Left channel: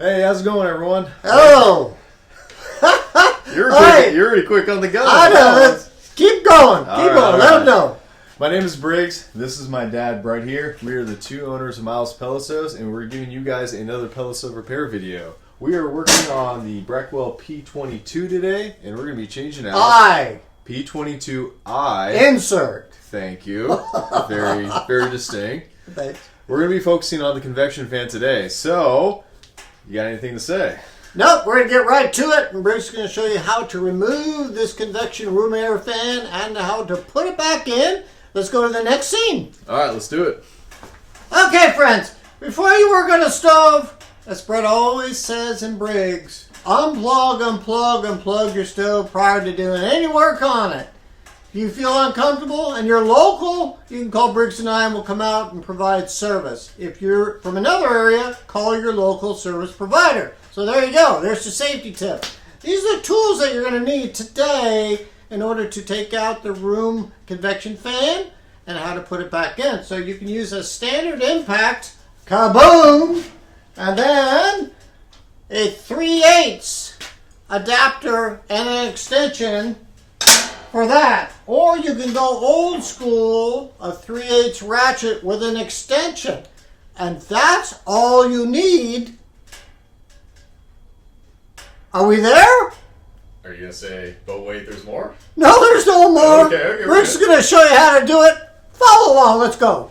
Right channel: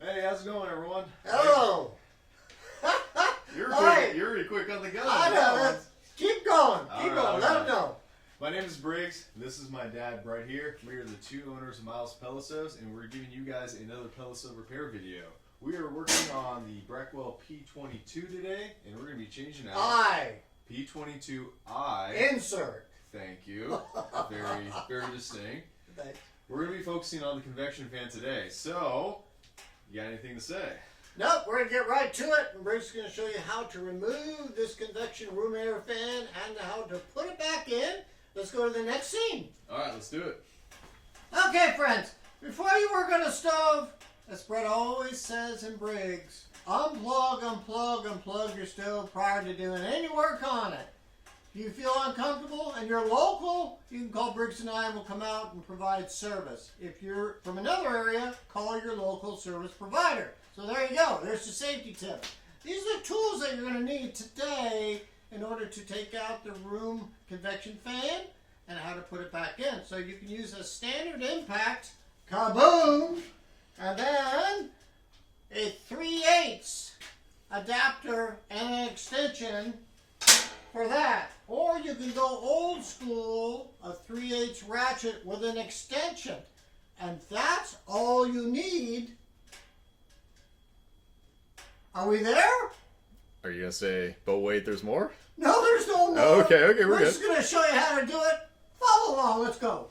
Hey, how's it going, everyone? Hello. You're really quick on the gun. I know. Let's keep going. Keep going. Let them know. My name is Briggs. This is my dad right here. We are the two owners of Miles Pellet, and we're giving you guys another pellet repair video. We are working on the Breckwell P22 today, and we're going to be changing out P22i. Insert. Thank you. Very, very distinct. Thanks. We're going to be focusing on the convection fan today. So, you got anything to say? Nope, we're going to get right to it, and Briggs is going to show you how to remove this convection room air fan and how to put it back in. Let's go to the next scene. All right, let's do it. Okay, friends, before you work on a stove, as Brett always says in Briggs, unplug your stove prior to doing any work on it. If you feel uncomfortable and you're local, you can call Briggs and I and we'll come out and provide service. If you're from another area, call your local service provider. So there you go. There's the safety tip. These are the tools that you're going to need today in order to take out the room convection fan and how to put it back in. So you can use a standard impact, kaboom, and then a 3/8 adapter and an extension for that. Or you can go old school, a 3/8 ratchet with an extension. And that's all you need. Are we there? Are you going to say, but wait, there's more? No, there's no more. Okay, We're just going to show you how to do it. Follow along. Let's go.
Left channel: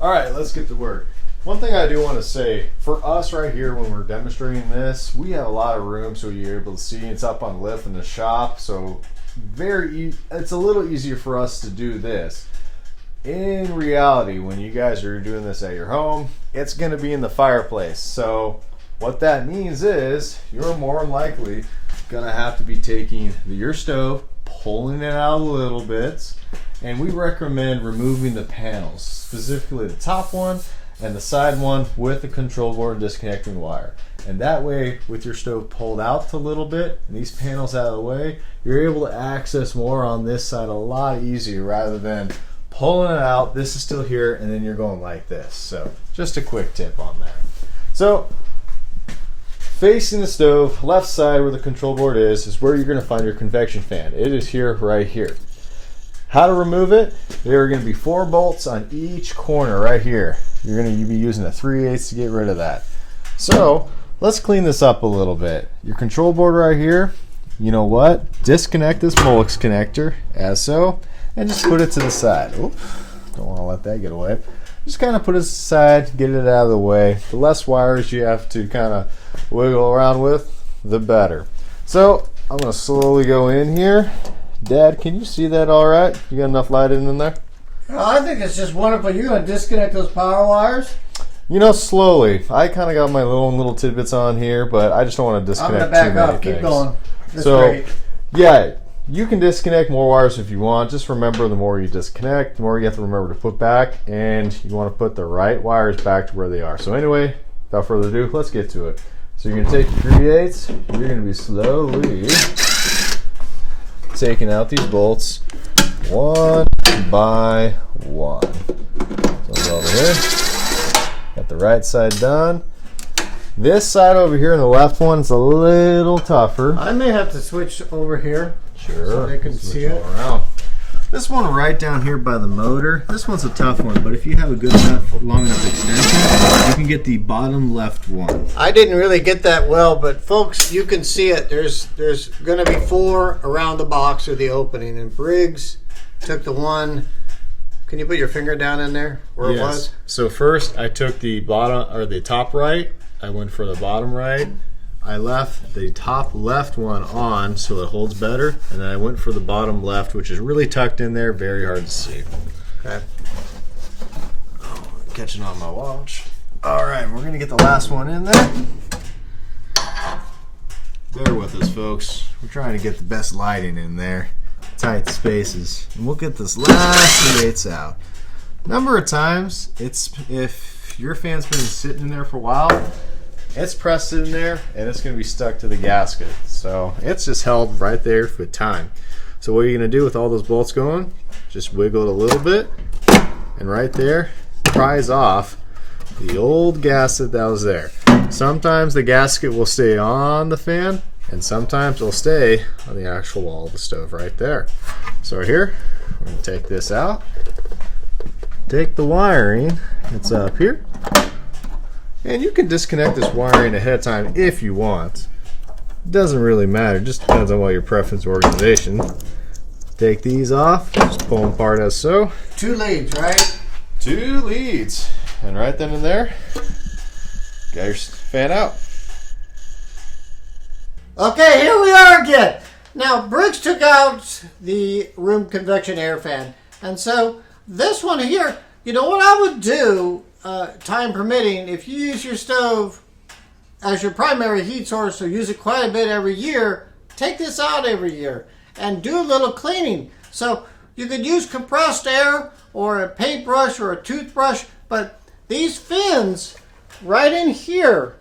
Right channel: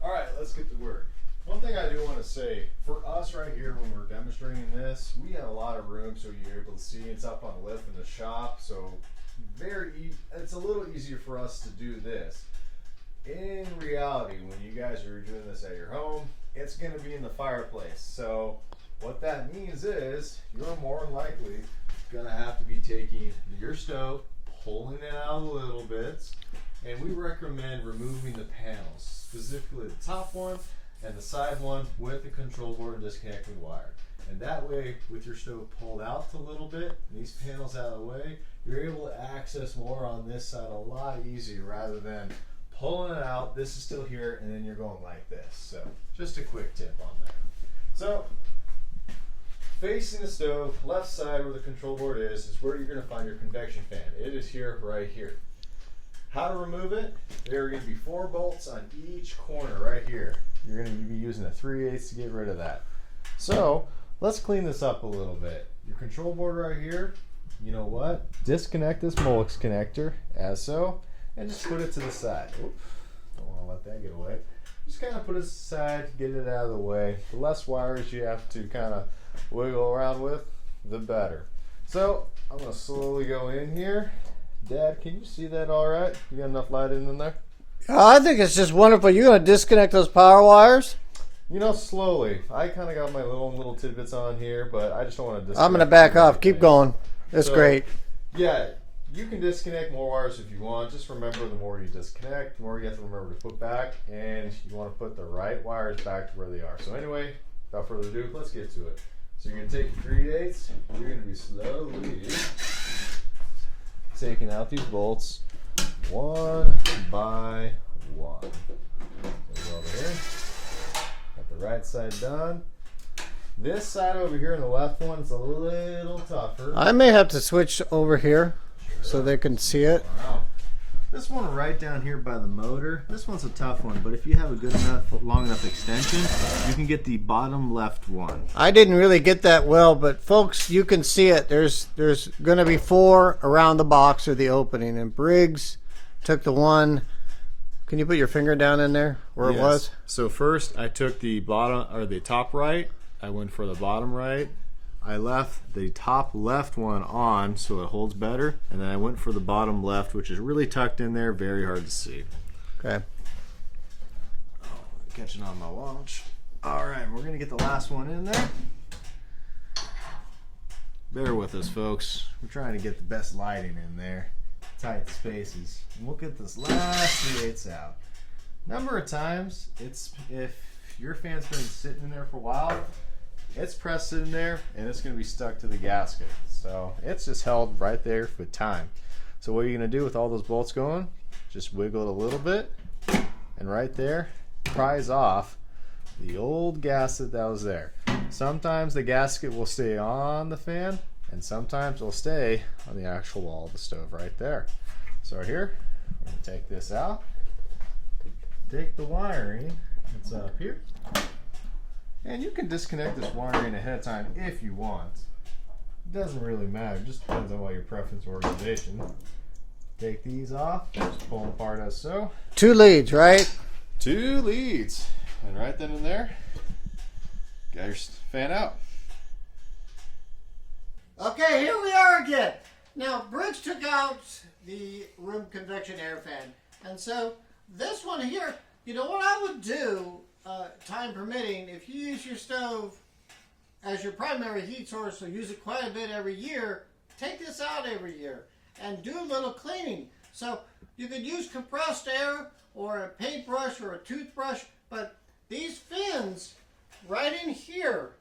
All right, let's get to work. One thing I do want to say, for us right here when we're demonstrating this, we have a lot of room so you're able to see. It's up on lift in the shop, so it's a little easier for us to do this. In reality, when you guys are doing this at your home, it's going to be in the fireplace. So what that means is you're more than likely going to have to be taking your stove, pulling it out a little bit, and we recommend removing the panels, specifically the top one and the side one with the control board and disconnecting the wire. And that way, with your stove pulled out a little bit and these panels out of the way, you're able to access more on this side a lot easier rather than pulling it out, this is still here, and then you're going like this. So just a quick tip on that. So facing the stove, left side where the control board is where you're going to find your convection fan. It is here, right here. How to remove it? There are going to be 4 bolts on each corner right here. You're going to be using a 3/8 to get rid of that. So let's clean this up a little bit. Your control board right here, you know what? Disconnect this Molex connector as so, and just put it to the side. Oop, don't want to let that get away. Just kind of put it aside, get it out of the way. The less wires you have to kind of wiggle around with, the better. So I'm going to slowly go in here. Dad, can you see that all right? You got enough light in there? I think it's just wonderful. You're going to disconnect those power wires? You know, slowly. I kind of got my little tidbits on here, but I just don't want to disconnect. I'm going to back up. Keep going. It's great. Yeah, you can disconnect more wires if you want. Just remember, the more you disconnect, the more you have to remember to put back, and you want to put the right wires back to where they are. So anyway, without further ado, let's get to it. So you're going to take your 3/8. You're going to be slowly taking out these bolts one by one. So go over here. Got the right side done. This side over here, the left one, is a little tougher. I may have to switch over here. Sure. So they can see it. Around. This one right down here by the motor, this one's a tough one, but if you have a good enough, long enough extension, you can get the bottom left one. I didn't really get that well, but folks, you can see it. There's going to be 4 around the box or the opening, and Briggs took the one. Can you put your finger down in there where it was? So first I took the bottom or the top right. I went for the bottom right. I left the top left one on so it holds better, and then I went for the bottom left, which is really tucked in there, very hard to see. Okay. Oh, catching on my watch. All right, we're gonna get the last one in there. Bear with us, folks. We're trying to get the best lighting in there, tight spaces, and we'll get this last 3/8 out. Number of times, if your fan's been sitting in there for a while, it's pressed in there and it's going to be stuck to the gasket. So it's just held right there for time. So what you're going to do with all those bolts going, just wiggle it a little bit, and right there pries off the old gasket that was there. Sometimes the gasket will stay on the fan, and sometimes it'll stay on the actual wall of the stove right there. So here, we're going to take this out. Take the wiring that's up here, and you can disconnect this wiring ahead of time if you want. It doesn't really matter, it just depends on what your preference or organization. Take these off, just pull them apart as so. 2 leads, right? 2 leads, and right then and there, got your fan out. Okay, here we are again. Now, Briggs took out the room convection air fan, and so this one here, you know what I would do, time permitting, if you use your stove as your primary heat source or use it quite a bit every year, take this out every year and do a little cleaning. So you could use compressed air or a paintbrush or a toothbrush, but these fins right in here,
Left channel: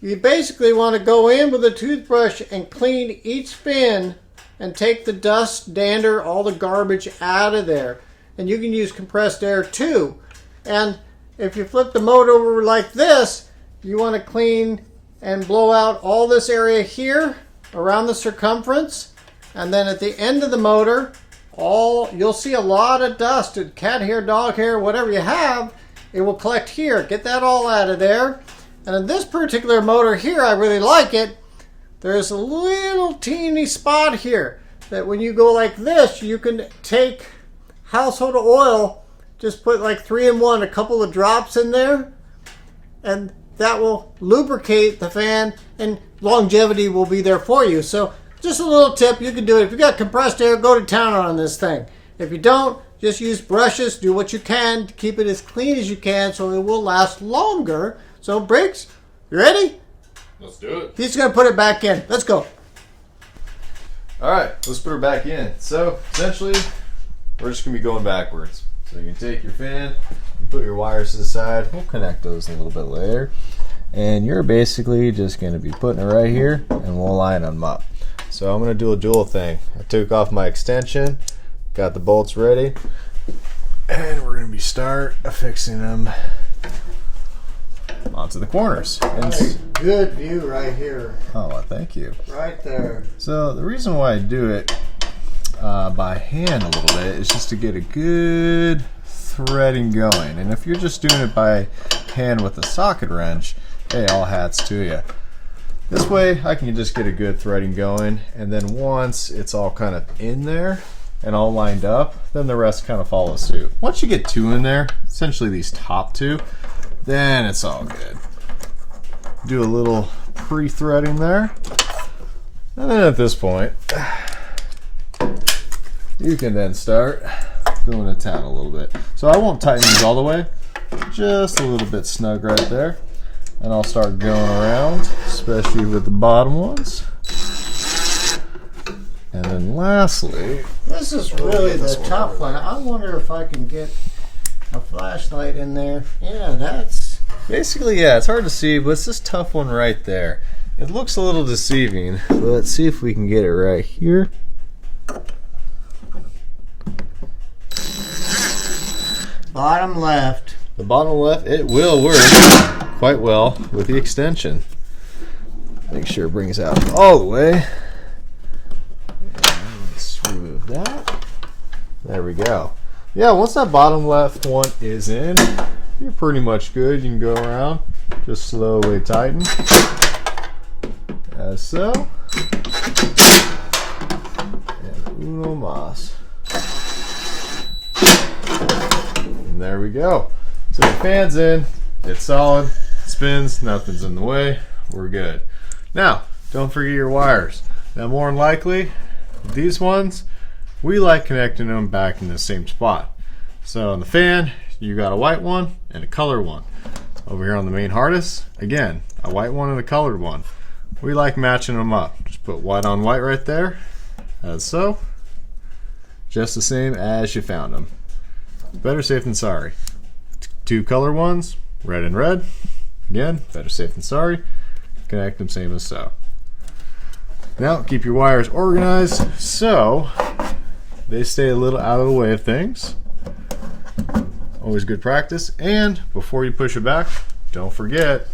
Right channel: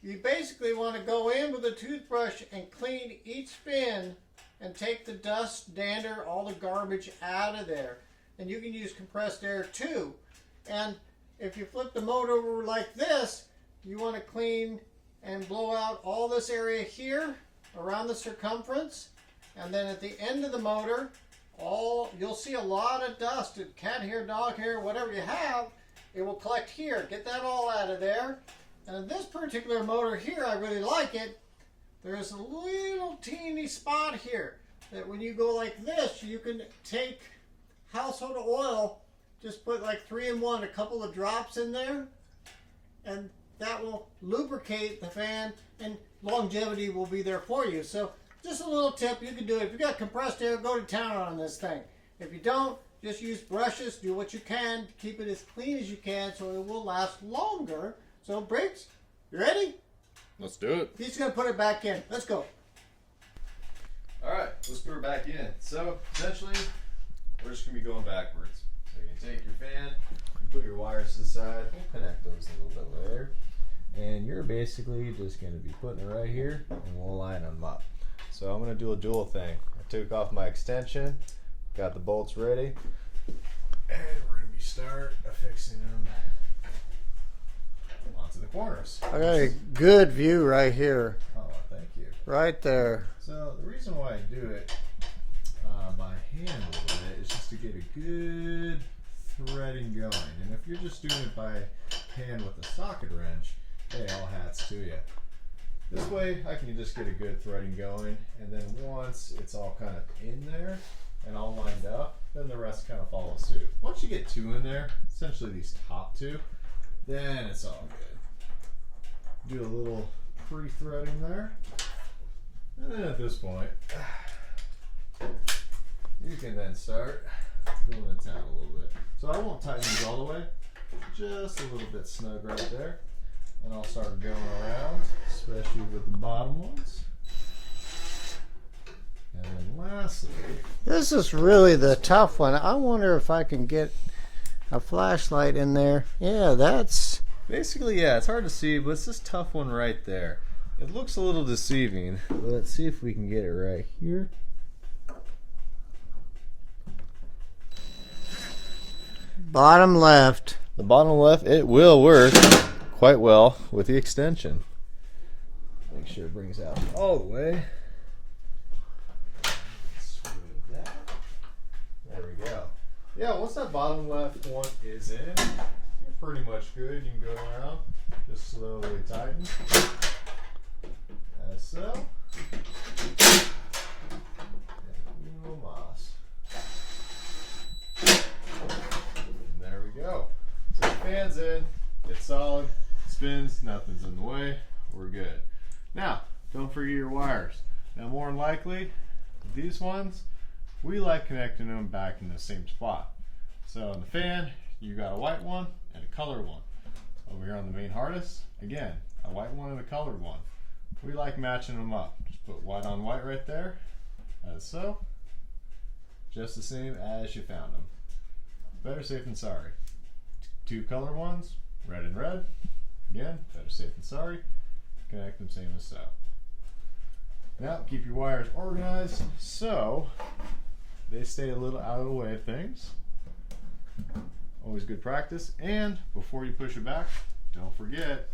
you basically want to go in with a toothbrush and clean each fin and take the dust, dander, all the garbage out of there. And you can use compressed air too. And if you flip the mode over like this, you want to clean and blow out all this area here around the circumference. And then at the end of the motor, you'll see a lot of dust, cat hair, dog hair, whatever you have, it will collect here. Get that all out of there. And in this particular motor here, I really like it. There's a little teeny spot here that when you go like this, you can take household oil, just put like 3-in-1, a couple of drops in there, and that will lubricate the fan, and longevity will be there for you. So just a little tip, you can do it. If you got compressed air, go to town on this thing. If you don't, just use brushes, do what you can to keep it as clean as you can so it will last longer. So Briggs, you ready? Let's do it. He's gonna put it back in. Let's go. All right, let's put her back in. So essentially, we're just gonna be going backwards. So you can take your fan, and put your wires to the side. We'll connect those a little bit later. And you're basically just gonna be putting it right here, and we'll line them up. So I'm gonna do a dual thing. I took off my extension, got the bolts ready, and we're gonna start affixing them onto the corners. Right, good view right here. Oh, well, thank you. Right there. So the reason why I do it by hand a little bit is just to get a good threading going. And if you're just doing it by hand with a socket wrench, hey, all hats to you. This way I can just get a good threading going, and then once it's all kind of in there and all lined up, then the rest kind of follows suit. Once you get 2 in there, essentially these top 2, then it's all good. Do a little pre-threading there. And then at this point, you can then start going to town a little bit. So I won't tighten these all the way, just a little bit snug right there. And I'll start going around, especially with the bottom ones. And then lastly, this is really the tough one. I wonder if I can get a flashlight in there. Yeah, that's basically, yeah, it's hard to see, but it's this tough one right there. It looks a little deceiving, but let's see if we can get it right here. bottom left. The bottom left, it will work quite well with the extension. Make sure it brings out all the way. And let's remove that. There we go. Yeah, once that bottom left one is in, you're pretty much good. You can go around, just slowly tighten, as so. And uno mas. And there we go. So the fan's in, it's solid, spins, nothing's in the way, we're good. Now, don't forget your wires. Now, more than likely, these ones, we like connecting them back in the same spot. So on the fan, you got a white one and a colored one. Over here on the main harness, again, a white one and a colored one. We like matching them up. Just put white on white right there, as so. Just the same as you found them. Better safe than sorry. 2 color ones, red and red. Again, better safe than sorry. Connect them same as so. Now, keep your wires organized so they stay a little out of the way of things. Always good practice. And before you push it back, don't forget,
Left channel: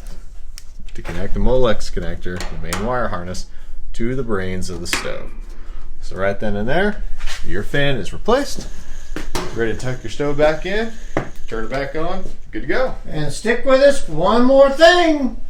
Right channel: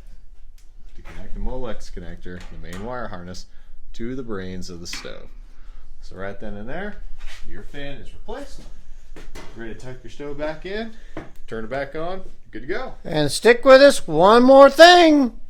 to connect the Molex connector, the main wire harness, to the brains of the stove. So right then and there, your fan is replaced. Ready to tuck your stove back in, turn it back on, good to go. And stick with us, one more thing.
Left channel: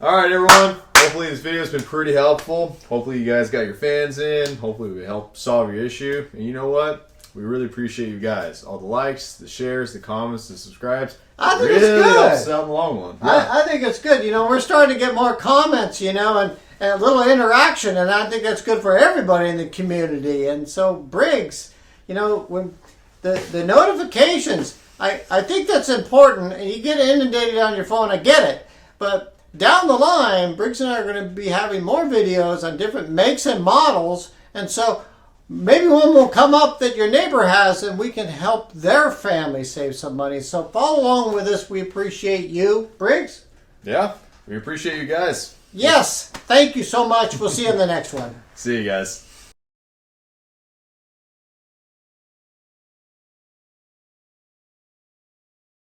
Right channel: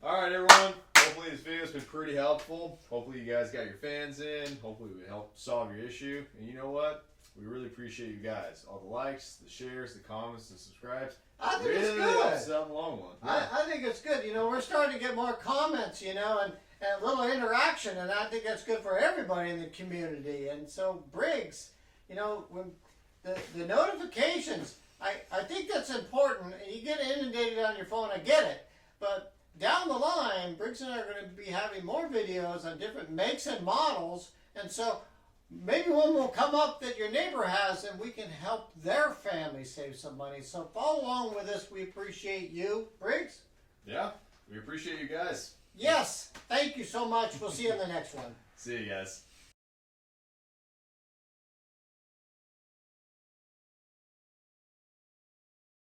All right, everyone. Hopefully this video has been pretty helpful. Hopefully you guys got your fans in. Hopefully we helped solve your issue. And you know what? We really appreciate you guys. All the likes, the shares, the comments, the subscribes. I think really it's good. helps out in the long run. Yeah. I think it's good. You know, we're starting to get more comments, you know, and a little interaction, and I think that's good for everybody in the community. And so, Briggs, you know, when the notifications, I think that's important. And you get inundated on your phone, I get it. But down the line, Briggs and I are going to be having more videos on different makes and models. And so maybe one will come up that your neighbor has, and we can help their family save some money. So follow along with us. We appreciate you. Briggs? Yeah, we appreciate you guys. Yes. Thank you so much. We'll see you in the next one. See you guys.